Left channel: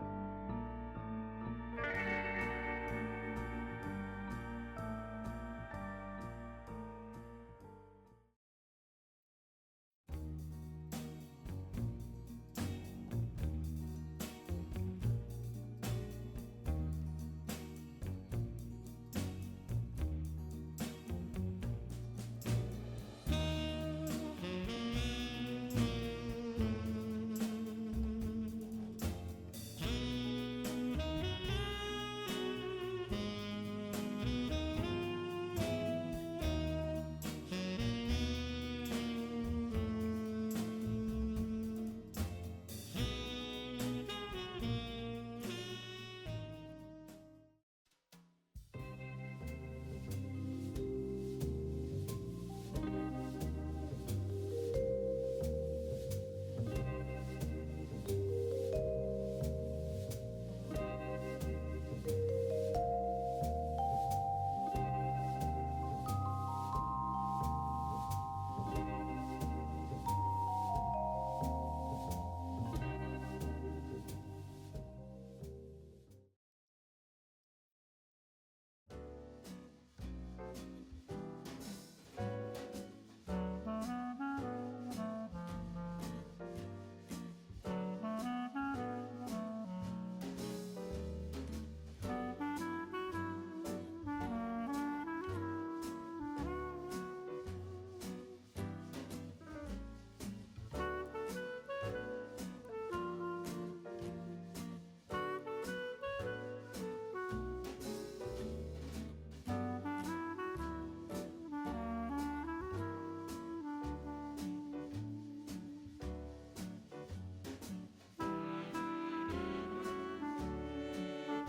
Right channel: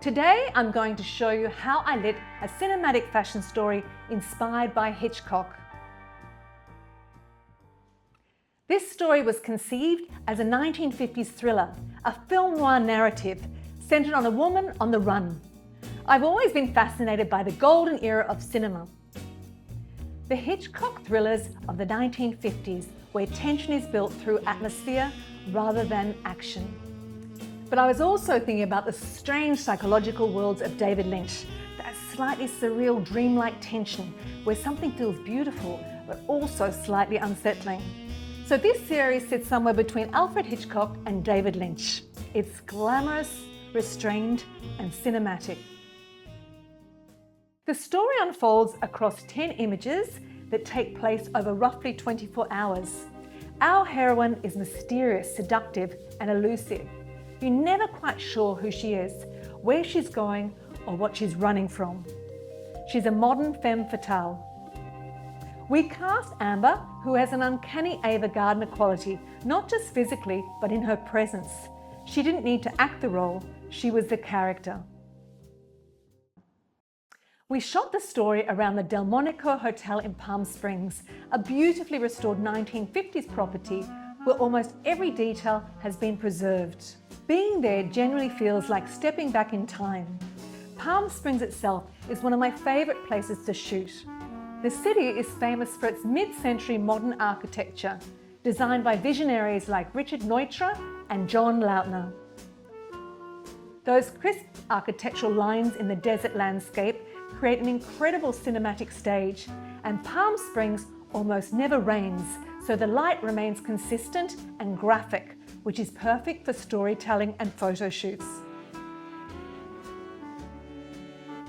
Today I'm going to show you how I lit a cinematic fashion story inspired by Hitchcock. This story was conceived as a 1950s thriller, a film noir narrative centered on a woman on the run. I've always been fascinated by the golden era of cinema. The Hitchcock thrillers of the 1950s, where tension is built through atmosphere rather than action. But I was also thinking about the strange psychological worlds of David Lynch, that slightly surreal dreamlike tension where something feels beautiful but also slightly unsettling. So this series sits somewhere between Alfred Hitchcock and David Lynch. It's glamorous, restrained and cinematic. The story unfolds across 10 images that take place over roughly 24 hours. Our heroine is mysterious, seductive and elusive. You're never quite sure who she is, where she's going or what she's running from. She's a modern femme fatale. We cast Amber, who has an uncanny Ava Gardner quality, not just physically but in her presence. She didn't need to act the role, she was the character. We shot the story around the Delmonico Hotel in Palm Springs, a beautifully restored 1950s property where almost every detail has been preserved. Being there generally feels like stepping back in time. Palm Springs itself is one of my favourite places to shoot. The city is famous for its mid-century modern architecture, designed by visionaries like Richard Neutra and John Lautner. Those crisp architectural lines in the desert landscape create an incredible cinematic stage, and Palm Springs almost never rains, so the light remains consistent and graphic, which is perfect for storytelling and photo shoots.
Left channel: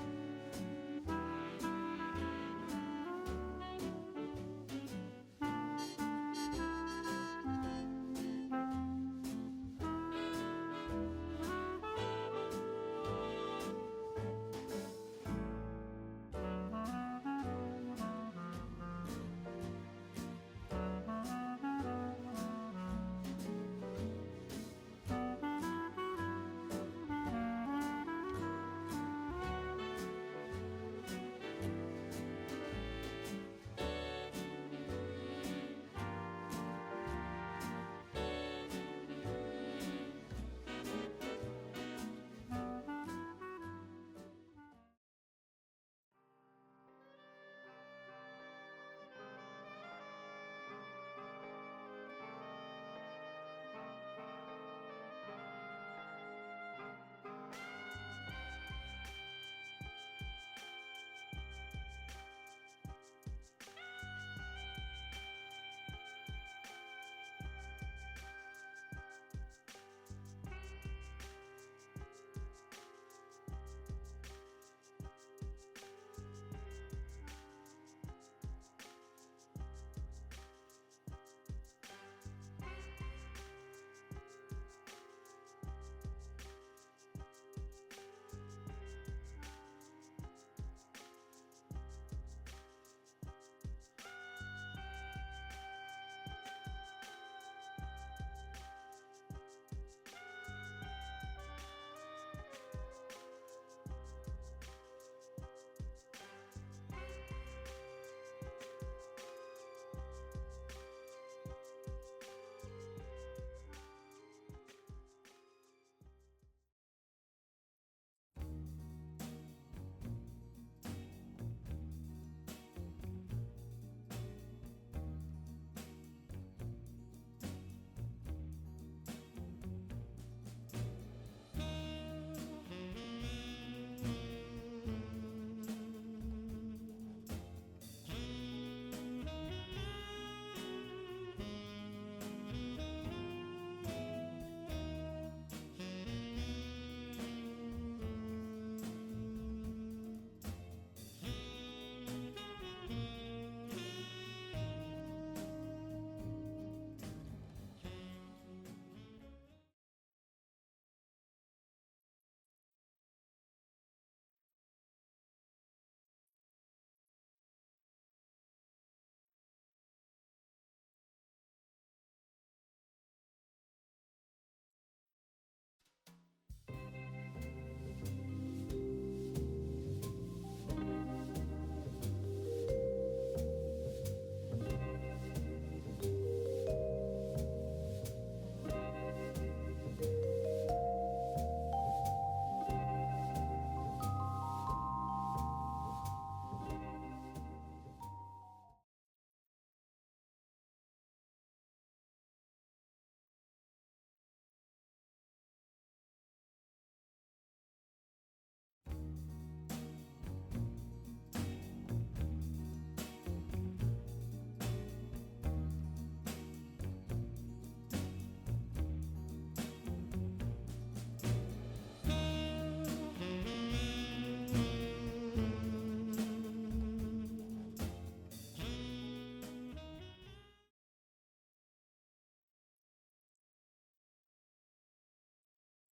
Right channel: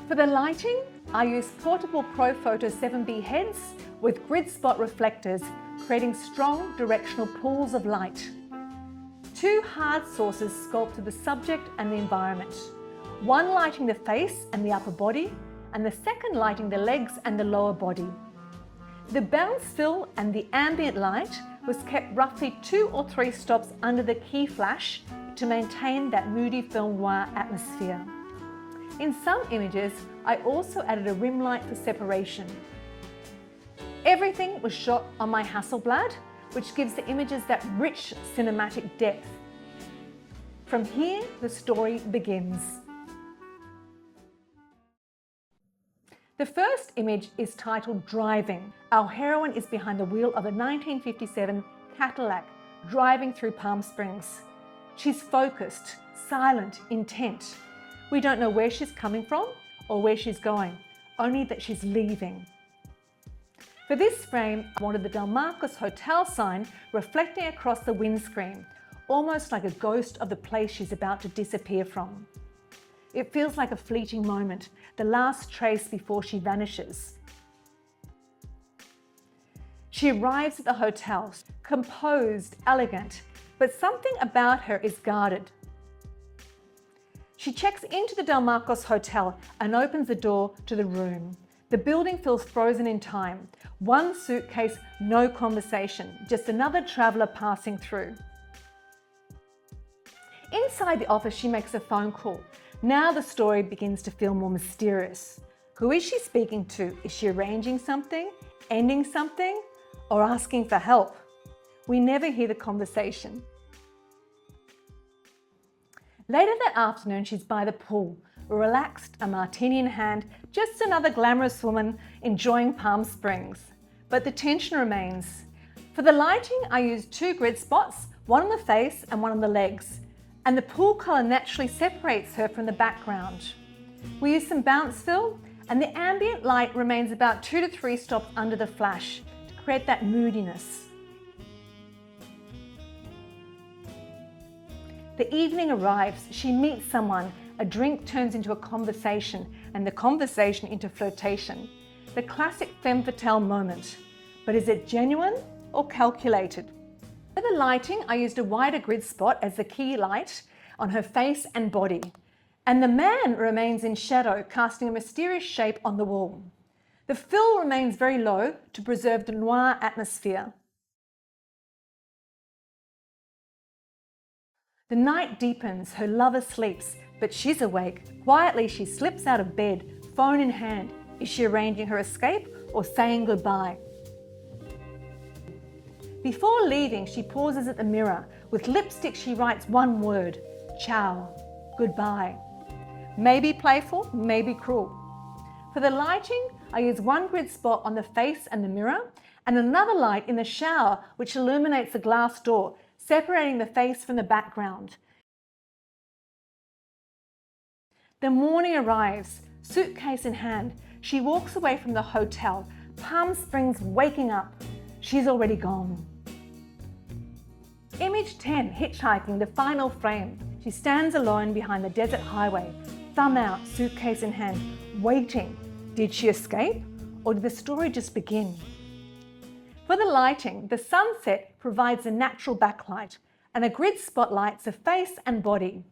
For the lighting, I use portable ProPhoto 7B heads with grid spot reflectors, creating strong directional pools of light. Two hard sources sculpted the subject and the environment, one lighting the face and the upper body, and the second lighting the legs and the lower body. The bounce fill and the ambient light was kept roughly 2 or 3 stops under the key flash to maintain that moody film noir atmosphere. In some images, I also added a rim light for separation. Everything was shot on my Hasselblad, which gives the images that rich cinematic depth. From here, the story begins. The first image is titled Driving. Our heroine is behind the wheel of a 1957 Cadillac driving through Palm Springs. She's focused, silent, intent. We don't know where she's coming from or where she's going, only that she's leaving. For this frame, I wanted the Delmarcos Hotel sign reflecting across the windscreen, almost like a ghost of the place she's about to disappear from. It feels like a fleeting moment, the last trace before she vanishes. She arrives at the hotel, composed, elegant, but something about her is guarded. She checks into the Delmarcos Hotel and opens the door to the room. The building feels frozen in time. One suitcase, no conversation, just another traveller passing through. Inside the office, she makes a phone call. Now the story begins to feel more mysterious. Who is she speaking to? Is she arranging something, ending something, or asking for help? We never hear the conversation. Later that afternoon, she's by the pool, relaxed, a martini in hand, just another glamorous woman enjoying Palm Springs. But the tension remains. For the lighting, I used 2 grid spots, one on the face and one on the legs, and the pool colour naturally separates her from the background. We use some bounce fill, and the ambient light remains about 2 to 3 stops under the flash to create that moodiness. The evening arrives, she meets someone, a drink turns into a conversation, and the conversation into flirtation. The classic femme fatale moment. But is it genuine or calculated? For the lighting, I used a wider grid spot as the key light on her face and body. And the man remains in shadow, casting a mysterious shape on the wall. The fill remains very low to preserve the noir atmosphere. The night deepens, her lover sleeps, But she's awake. Quietly, she slips out of bed, phone in hand. Is she arranging her escape or saying goodbye? Before leaving, she pauses at the mirror. With lipstick, she writes one word: ciao, goodbye. Maybe playful, maybe cruel. For the lighting, I use one grid spot on the face and the mirror, and another light in the shower which illuminates the glass door, separating the face from the background. The morning arrives, suitcase in hand. She walks away from the hotel, Palm Springs waking up. She's already gone. Image 10, hitchhiking, the final frame. She stands alone behind the desert highway, thumb out, suitcase in hand, waiting. Did she escape, or did the story just begin? For the lighting, the sunset provides a natural backlight, and a grid spotlights the face and body.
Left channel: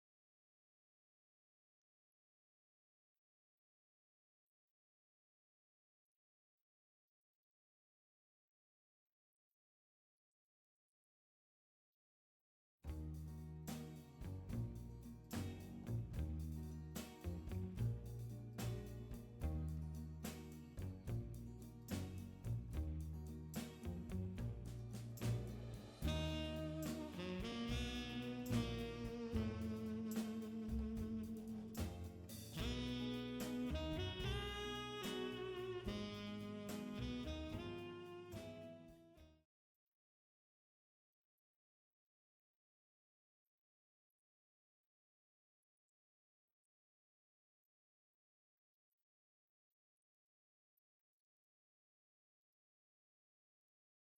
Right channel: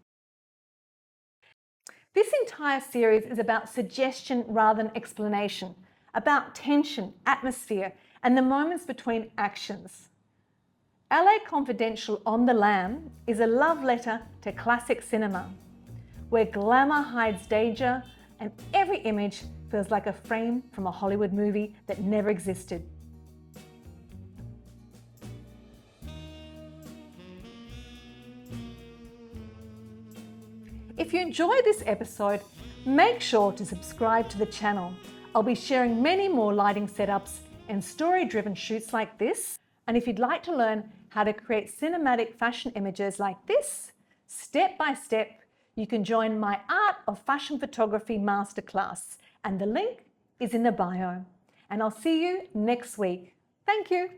This entire series is about suggestion rather than explanation, about tension, atmosphere, and the moments between actions. LA Confidential on the Lam is a love letter to classic cinema, where glamour hides danger and every image feels like a frame from a Hollywood movie that never existed. If you enjoyed this episode, make sure to subscribe to the channel. I'll be sharing many more lighting setups and story-driven shoots like this. And if you'd like to learn how to create cinematic fashion images like this, step by step, you can join my Art of Fashion Photography Masterclass, and the link is in the bio. And I'll see you next week. Thank you.